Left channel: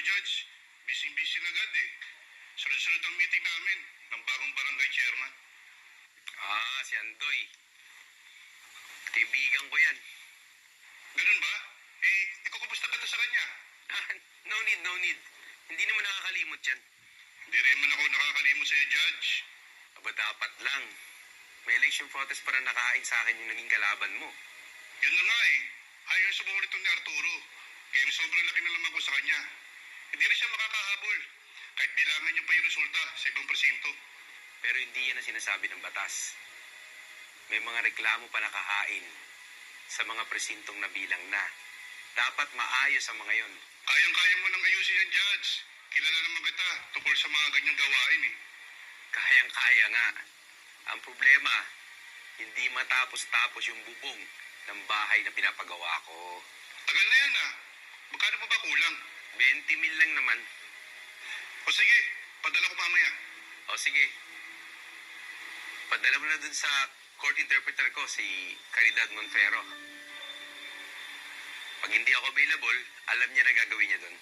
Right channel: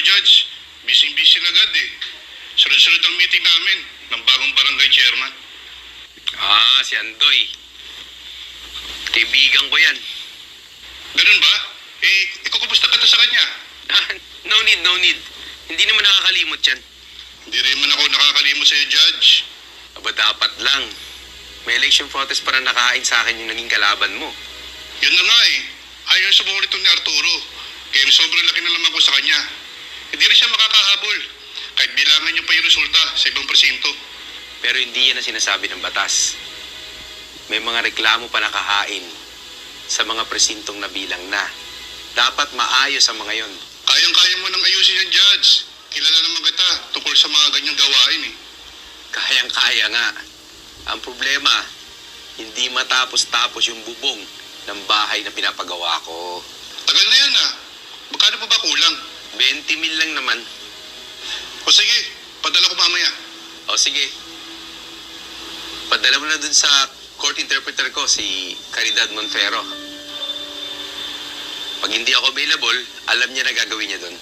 Sorry, Judge. Busy-busy na agad eh. Sunod-sunod ang meeting namin ng bagong barangay chairman. Si Andoy. Kaibigan ko yan. Ganun ba? Ikukumusta ka sa kanya. No need. Hindi naman nakakalimot yan. Hindi rin man ako nakakalimot sa'yo, Judge. Aba, dapat lang. May election protest para nakahain sa akin yung naging kalaban mo. Yun na nga eh. Ayaw sa buong ni Arturo. Kaya sobrang laki na naman ko sa kanya. Hindi rin siya makakahabol. Kahit bilangan niyo pa yung resulta sa ibang presinto. Pero hindi yan ang sinasabi ng batas. May mga reklamo pa nakahain sa mga presintong nabilang na. Dapat maayos ang mga yon. Kayang-kaya mo nang ayusin yan, Judge. Kilala naman kita tungkol sa mga ganyang gawain eh. Kayang-kaya nga. Ang problema, hindi matapos-tapos yung bubong ng bahay na pinapagawa ko. Tagal na yan ah. Magkano pa ba kulang? 20 mil lang naman. O sige, padala ko mamaya. O sige. Padala mo na dun sa court interpreter ko, si Caridad Monfero. Pag hindi ako available, alam niya na gagawin niya dun.